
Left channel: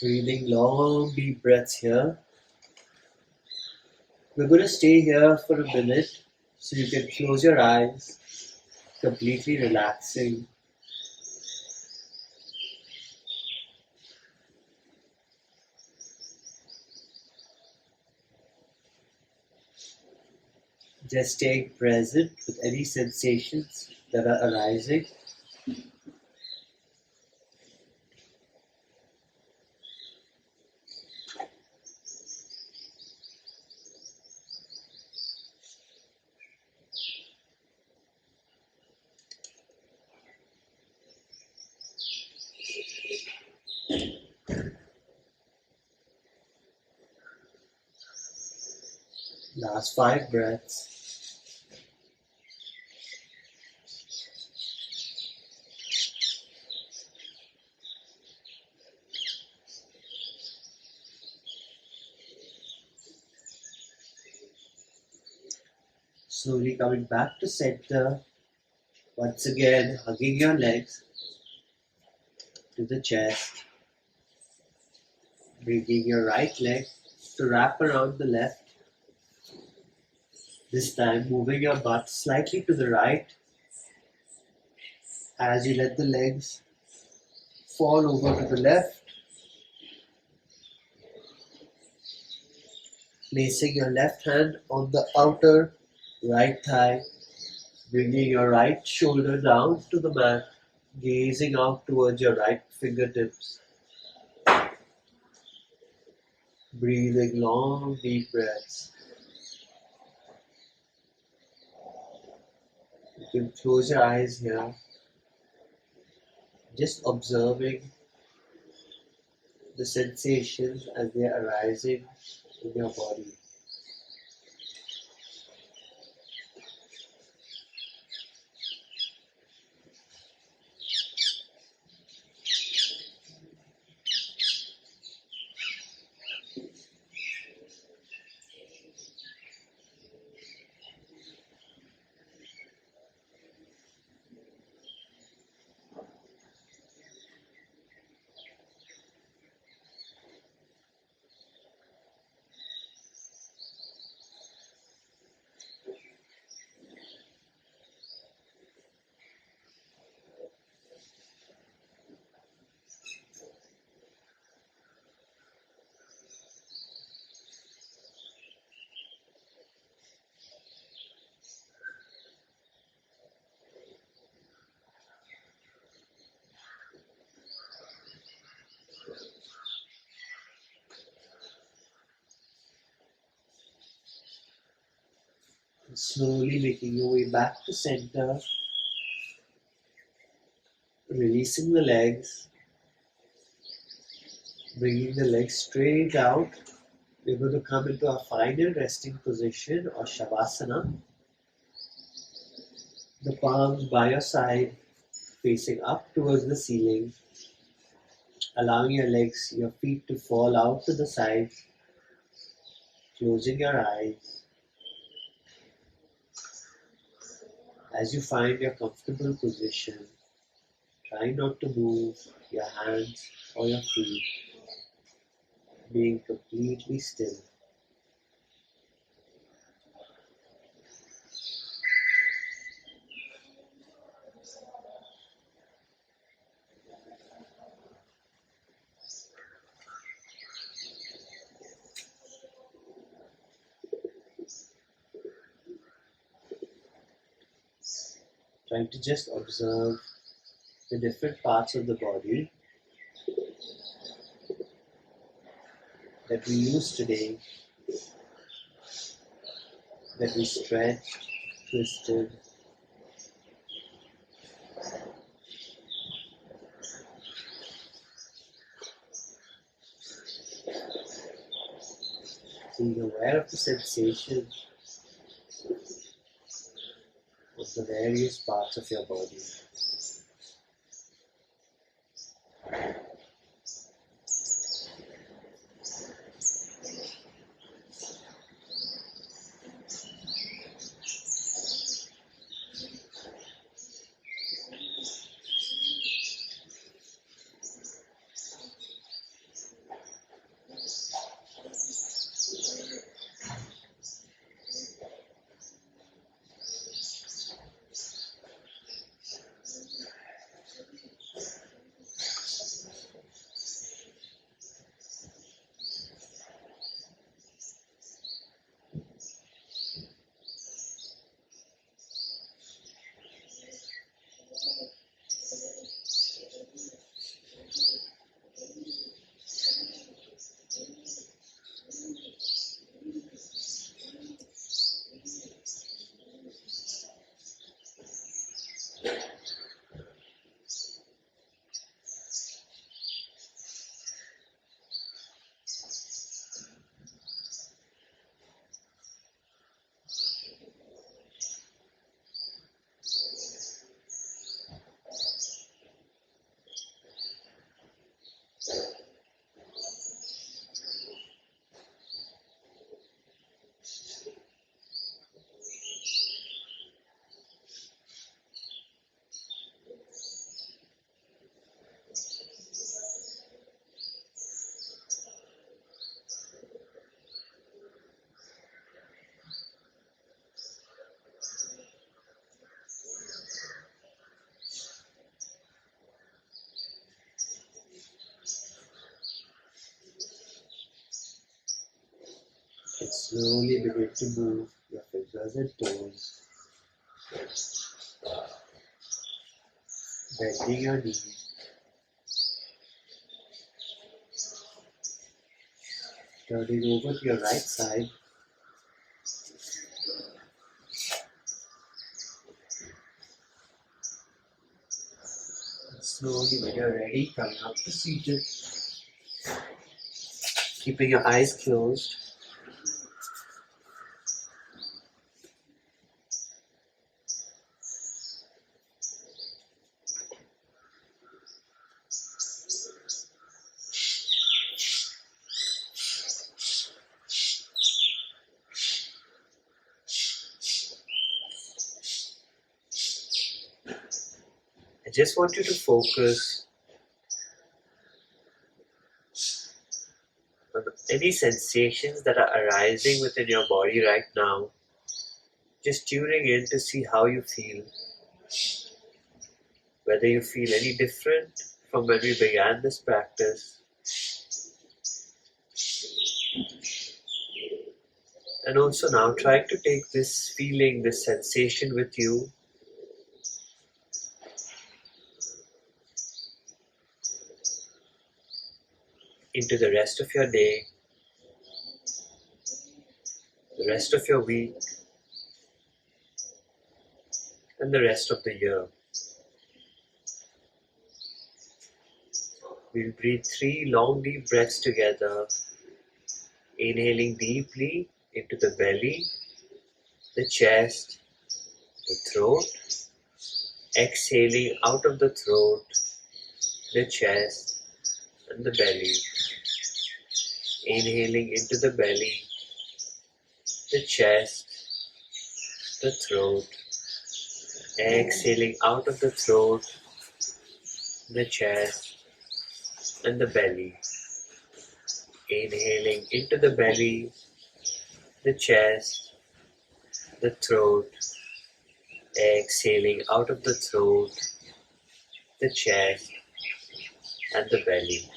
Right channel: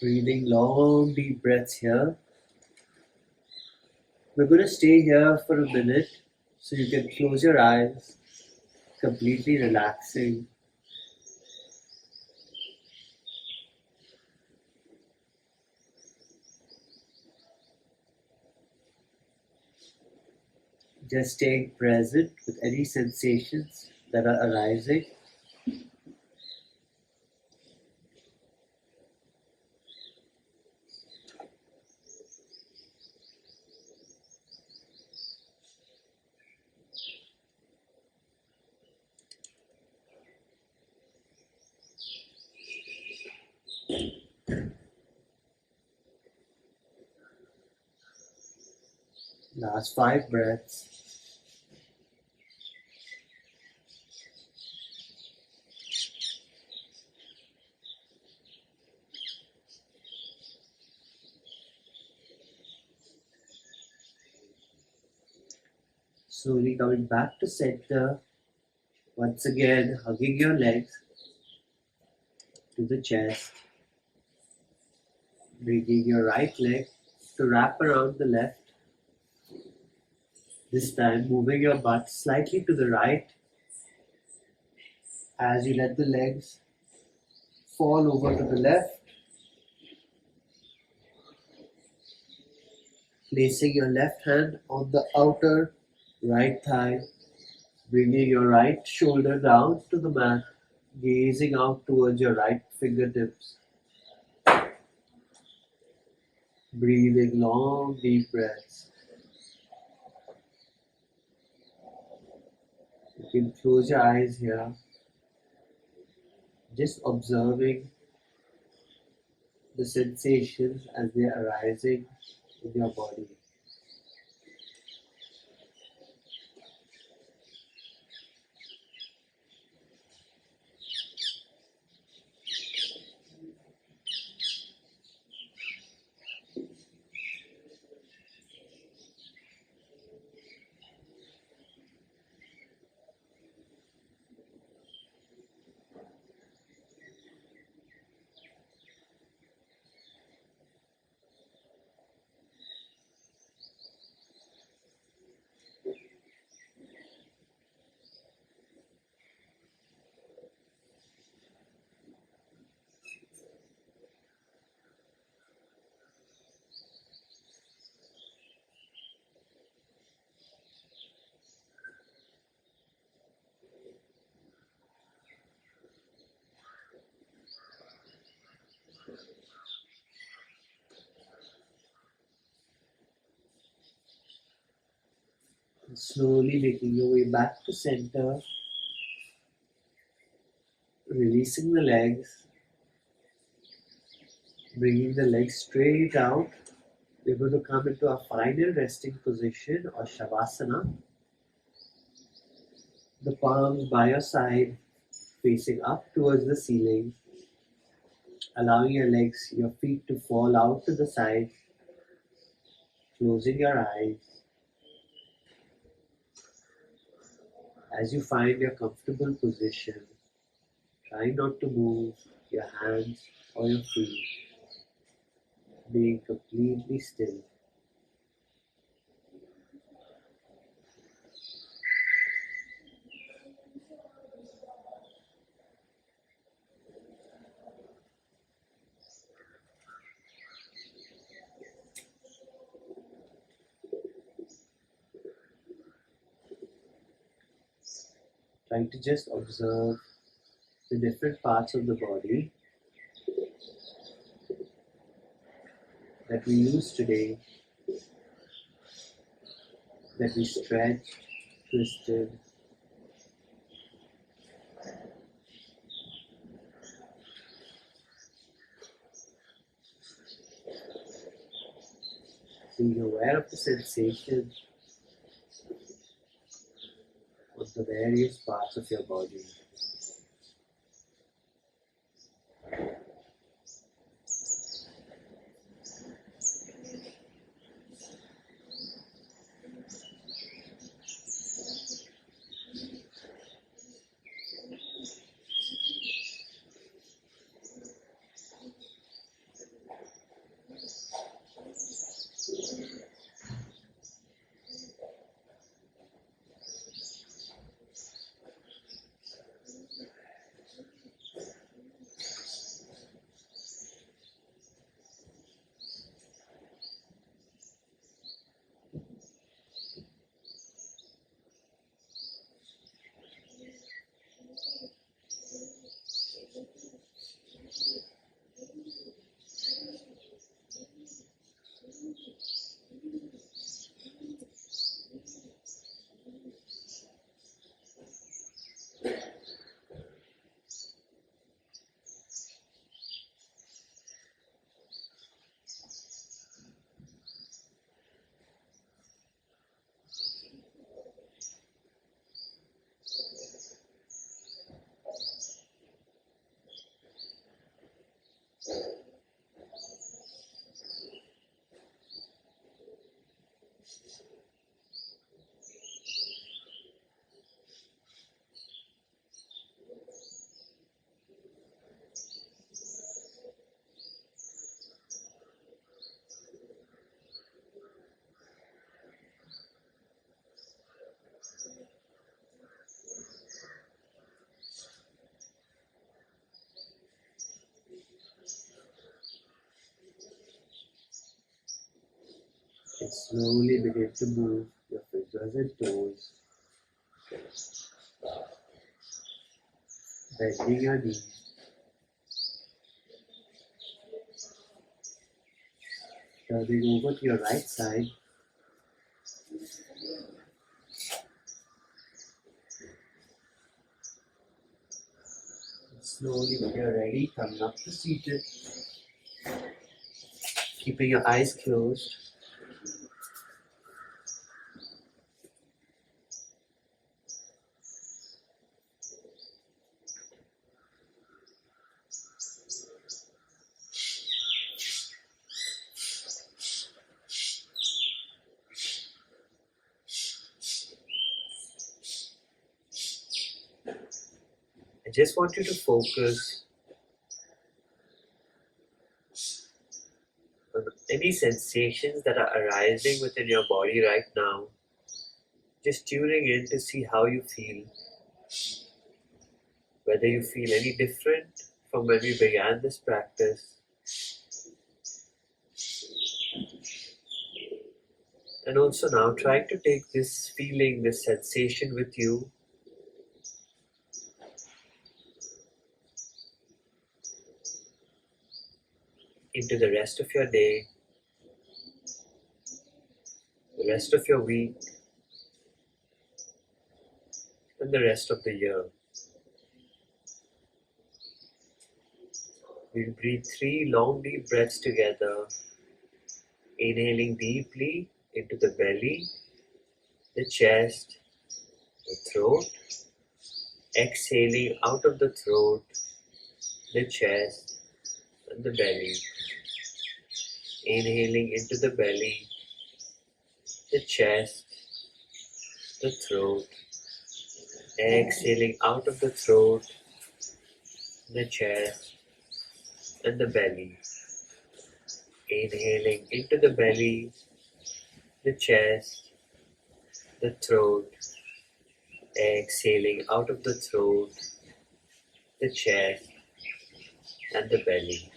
Breathing long deep breaths here. We're going to stay here for a minute so you can close your eyes, completely relaxing. Just staying present with any sensations that are arising. Last 5 breaths. Slowly coming back to center. Once again, hugging your legs to the chest. Bringing your right leg to wrap around the left. This time, moving your butt slightly to the right as you let the legs fall over to the left. Placing your left hand on the outer right thigh, bringing your right shoulder down to the mat, gazing out towards your right fingertips. Breathing long, deep breaths. You can close your eyes here, just observing the sensations as they are arising in your body. And slowly making your way back to center, releasing the legs, bringing the legs straight out. We're going to come into a final resting position or shavasana. The palms by your side, facing up towards the ceiling, allowing your legs, your feet to fall out to the sides, closing your eyes. As you find your comfortable position, try not to move your hands or your feet, being completely still. trying to just observe the different parts of the body that we use today, that we stretched, twisted, being aware of the sensation of the various parts of your body. And slowly begin to move your fingers and toes, bending your knees, turning over to your right side, and slowly when you're ready, coming up to seated, keeping your eyes closed. I just want you to focus on any sensations that are arising within your body right now. Just tuning in to see how you feel, whether you feel any different from when we began this practice. And also now trying to take this feeling, this sensation with you into the rest of your day, the rest of your week, and the rest of the year. We'll breathe 3 long deep breaths together, inhaling deeply into the belly, the chest, the throat, exhaling out of the throat, the chest, and the belly. Inhaling into the belly, the chest, the throat, exhaling out of the throat, the chest, and the belly. Inhaling into the belly, the chest, the throat, exhaling out of the throat, the chest, and the belly.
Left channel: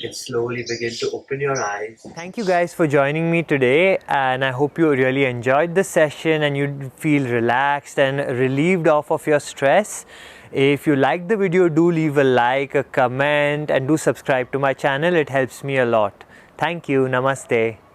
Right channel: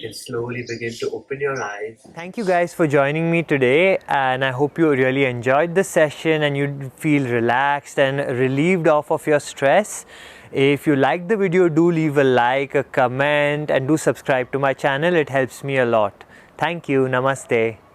you can slowly begin to open your eyes. Thank you guys for joining me today, and I hope you really enjoyed the session and you feel relaxed and relieved of your stress. If you liked the video, do leave a like, a comment, and do subscribe to my channel. It helps me a lot. Thank you. Namaste.